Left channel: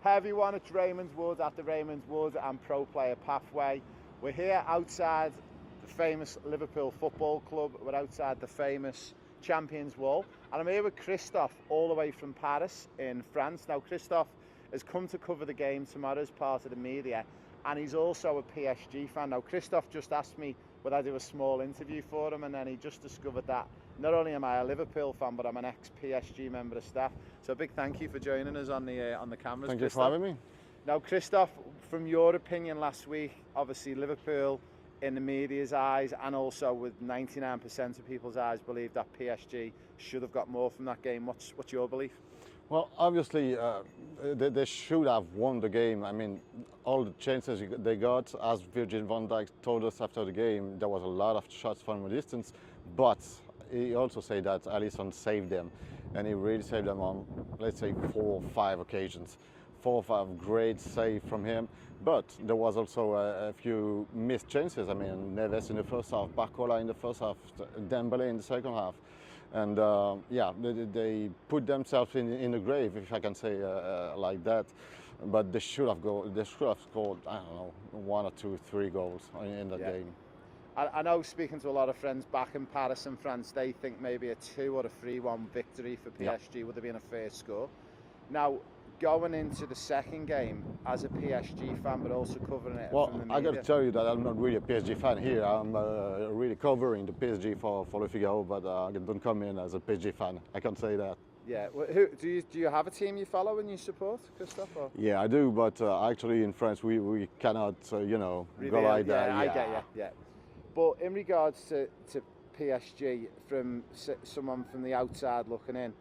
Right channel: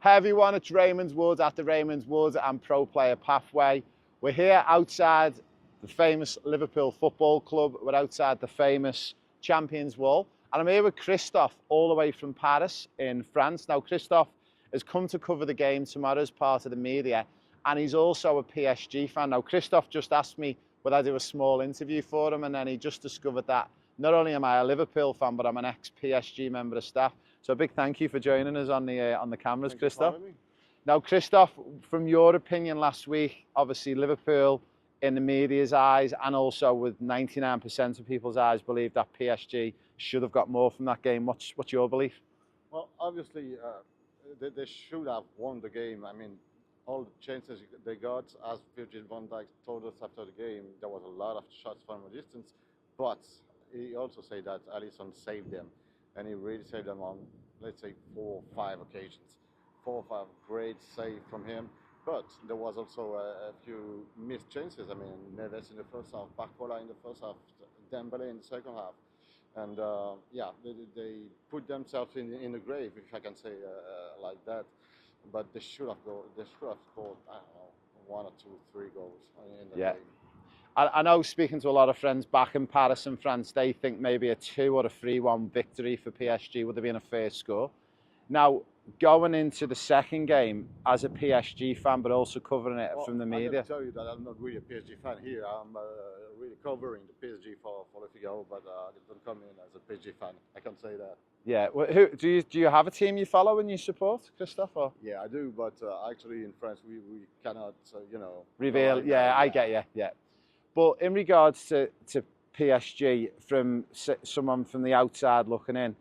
Hi everyone, it's Raymond Wood at the Raymond Wood and Pro Player Pathway. We're here outside the famous Liverpool Football Club. We're outside the famous Champions Wall. And I'm here with Christophe, all the way from Paris in France. Now, Christophe has come to cover the game tomorrow as part of the media, and he's also a PSG fan. Now, Christophe just asked me would I do a small interview for him, and then he just discovered that not only am I a Liverpool fan, but I'm an ex-PSG member of staff. So a big thank you for joining us on the cameras, Thank Christophe. you for having me. Now, Christophe, from your opinion last week, obviously Liverpool in the media's eyes and also with 99% of people's eyes believe that PSG should have got more from that game. What's your belief? Well, obviously, they should have won the game. I mean, all the chances they got, as Virgil van Dijk told us after the game, there was a lot of shots from a distance, but he also said that Alisson saved them, and he really saved them on, let's say, 4 or 5 occasions. 4 or 5 great save from him, but there was also a few missed chances. I mean, Neves in the first half, Barcola in the first half, Dembele in the second half. And yeah, they put themselves in the grave, if I can say like that. But they should have scored, I don't know, 1 or 2, 3 goals in the game. I know, speaking to a lot of friends back in Paris and France, they think maybe a 2 or a 3-1 victory for PSG would have been a fair score. Now, going into the second game as a PSG fan, but also covering it from the media. I got to tell you that I'm not really a PSG fan here. I'm really covering the PSG for Le Figaro, but I don't come in as a PSG fan. I can't say that. Yeah. Well, who do you have a team you follow and you support, Christophe? Or? Yeah, I do, but actually in France we cannot, you know, reveal. Like yeah, I get you. Yeah. But in regards to PSG, from someone from the outside looking in,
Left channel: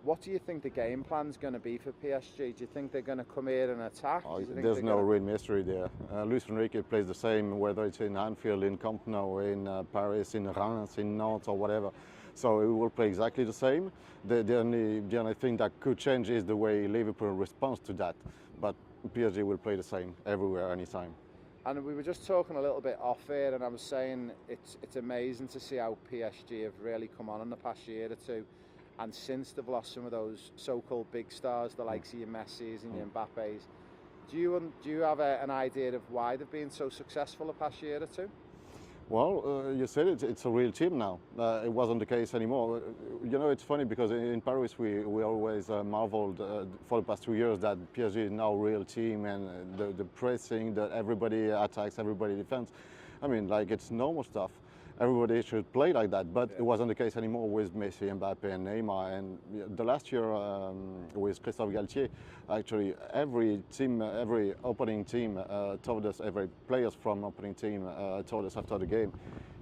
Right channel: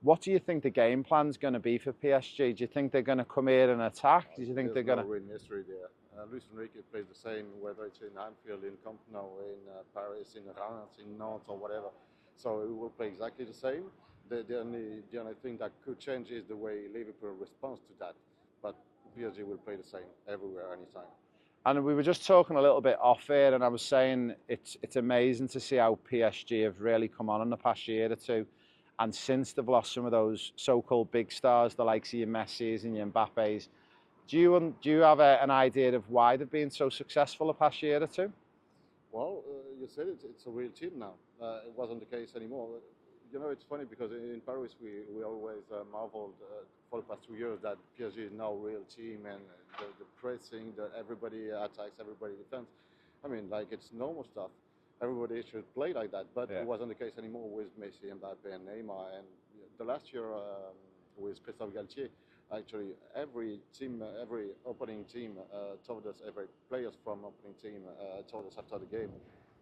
what do you think the game plan's going to be for PSG? Do you think they're going to come here and attack? Do you think there's no real mystery there. Luis Enrique plays the same, whether it's in Anfield, in Camp Nou, in Paris, in Reims, in Nantes, or whatever. So he will play exactly the same. The only thing that could change is the way Liverpool responds to that. But PSG will play the same everywhere, anytime. And we were just talking a little bit off air, and I was saying it's amazing to see how PSG have really come on in the past year or two. And since they've lost some of those so-called big stars, the likes of your Messis and your Mbappes, do you have an idea of why they've been so successful the past year or two? Well, you said it's a real team now. It wasn't the case anymore. You know, it's funny because in Paris we always marveled for the past 2 years that PSG is now a real team, and the pressing, that everybody attacks, everybody defends. I mean, like, it's normal stuff. Everybody should play like that, but it wasn't the case anymore with Messi, Mbappe, and Neymar. And the last year with Christophe Galtier, actually every opening team told us, every players from opening team told us after the game,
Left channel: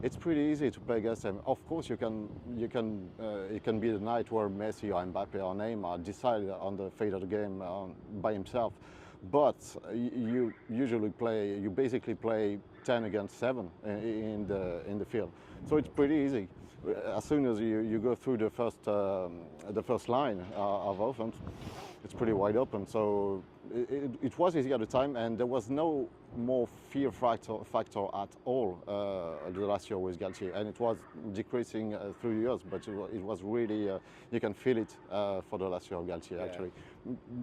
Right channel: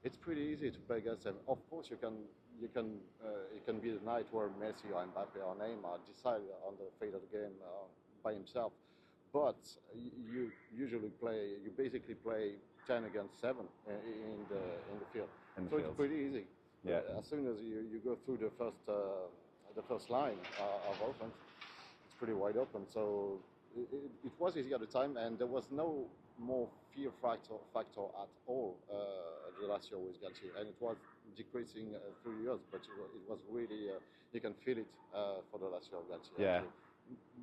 it's pretty easy to play against them. Of course, it can be the night where Messi or Mbappe or Neymar decide on the fate of the game by himself. But you basically play 10 against 7 in the field. So it's pretty easy. Yeah. As soon as you go through the first line of offense, it's pretty wide open. So it was easy at the time, and there was no more fear factor at all the last year with Galtier, and it was decreasing through the years. But it was really you can feel it for the last year of Galtier. Actually,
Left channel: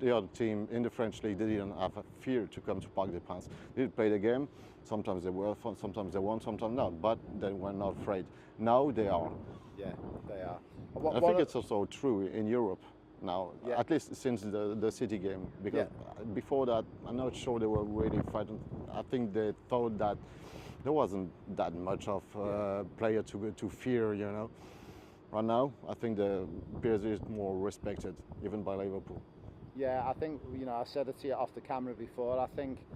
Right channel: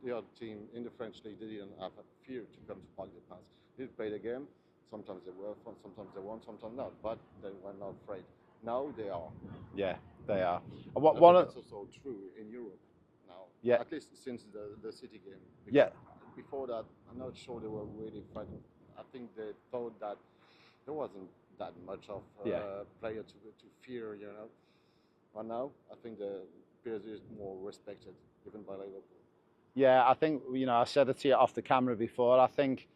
the other team in the French league, they didn't have a fear to come to Parc des Princes. They did play the game. Sometimes they were fun, sometimes they won, sometimes not. But they were not afraid. Now they are. Yeah, they are. I think it's also true in Europe now. Yeah. At least since the City game. Because before that, I'm not sure they were really frightened. I think they thought that there wasn't that much of player to fear, you know. Right now, I think the PSG is more respected, even by Liverpool. Yeah, I think, you know, I said it to you off the camera before, I think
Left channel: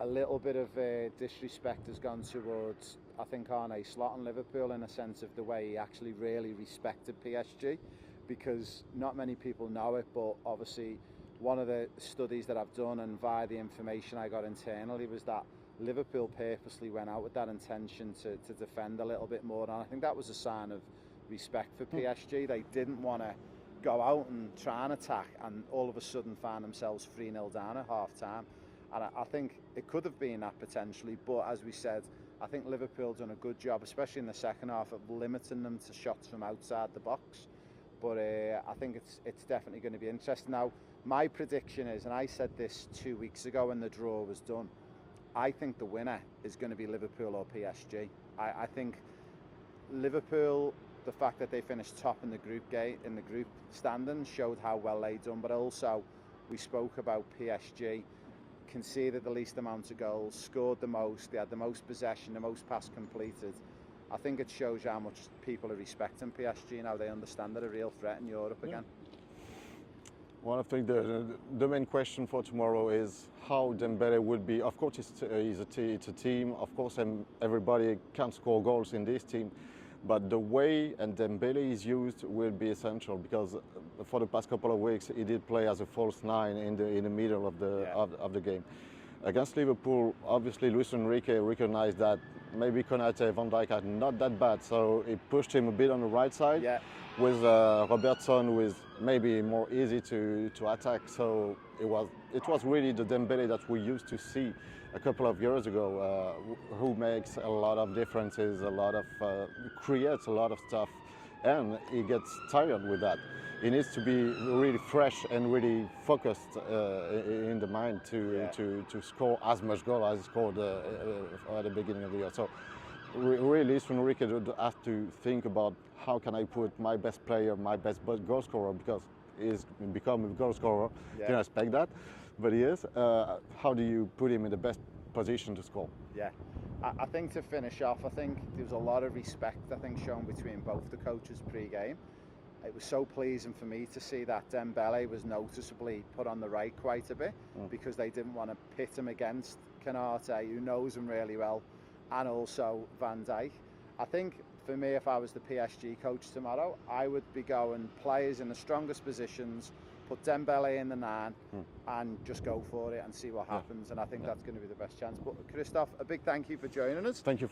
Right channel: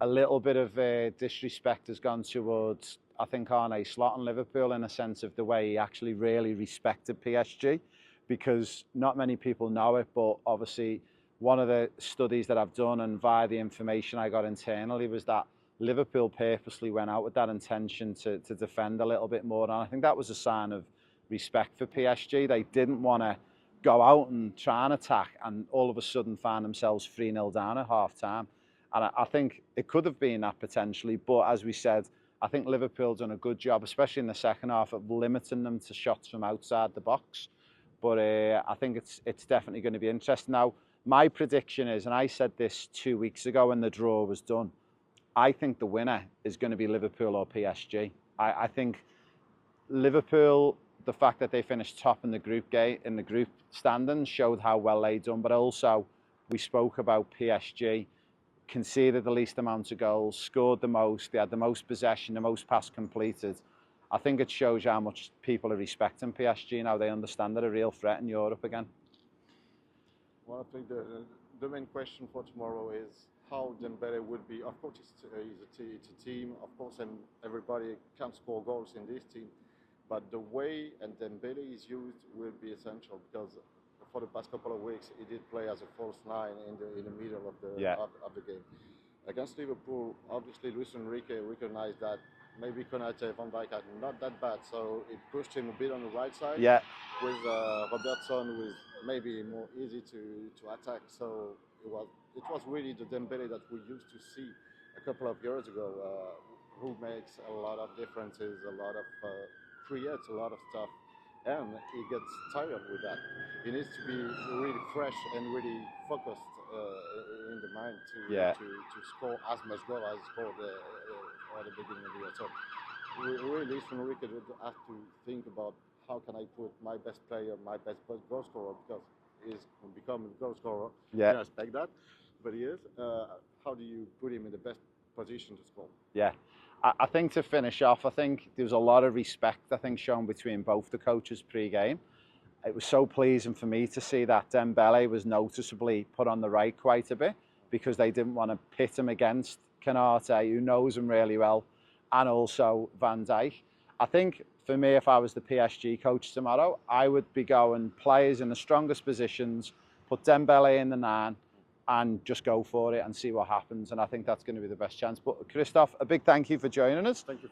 a little bit of disrespect has gone towards, I think, Arne Slot and Liverpool, in a sense of the way he actually really respected PSG, because not many people know it, but obviously one of the studies that I've done and via the information I got internally was that Liverpool purposely went out with that intention to defend a little bit more, and I think that was a sign of respect for PSG. They didn't want to go out and try and attack and all of a sudden find themselves 3-0 down at half time. And I think it could have been that potentially, but as we said, I think Liverpool done a good job, especially in the second half, of limiting them to shots from outside the box. But I think it's definitely going to be interesting. Now, My prediction is, and I said this 2 weeks ago when the draw was done, I think the winner is going to be Liverpool or PSG. I think Liverpool, the fact that they finished top in the group standings showed how well they done, but also we spoke about PSG, conceded the least amount of goals, scored the most, they had the most possession, the most pass completed. I think it shows how much people are respecting PSG now. They understand they're a real threat in Europe again. Well, I think the main question for tomorrow is how Dembele would be. Of course, it's a team. Of course, everybody can score goals in this team. But the way and Dembele is used will be essential, because for the past couple of weeks he did play as a false nine in the middle of the game. Against Liverpool, obviously Luis Enrique recognized that maybe Konate, Van Dijk are not that bad, so he pushed him a bit on the right side. Yeah. With Robertson, who is maybe more easy to attack. So it was really the Dembele that we used to see a couple of years ago, who makes a lot of differences, creates a lot of stuff, and he gets tired with that. He needs to be really fresh and really focused in the mind to score as much goal as he scored at the beginning of the year. So really, Luis Enrique has to think about how can I put my best player, my best goal scorer, because he's become a goal scorer. Yeah. I expect that, but he is. How do you put him in the best position to score? Yeah. I think to finish off, I think there was a lot of respect, shown between both the coaches pre-game. It was so pleasing for me to see that Dembele was noticeably put on the right quite a bit, because they didn't want to pit him against Konate, who knows him really well, and also Van Dijk. I think for me, if I was the PSG coach tomorrow, I would be going players in the strongest positions, put Dembele in the 9, and just go for it and see what happens. And I think that's going to be the best chance. But Christoph, a big thank you for joining us. Thank you.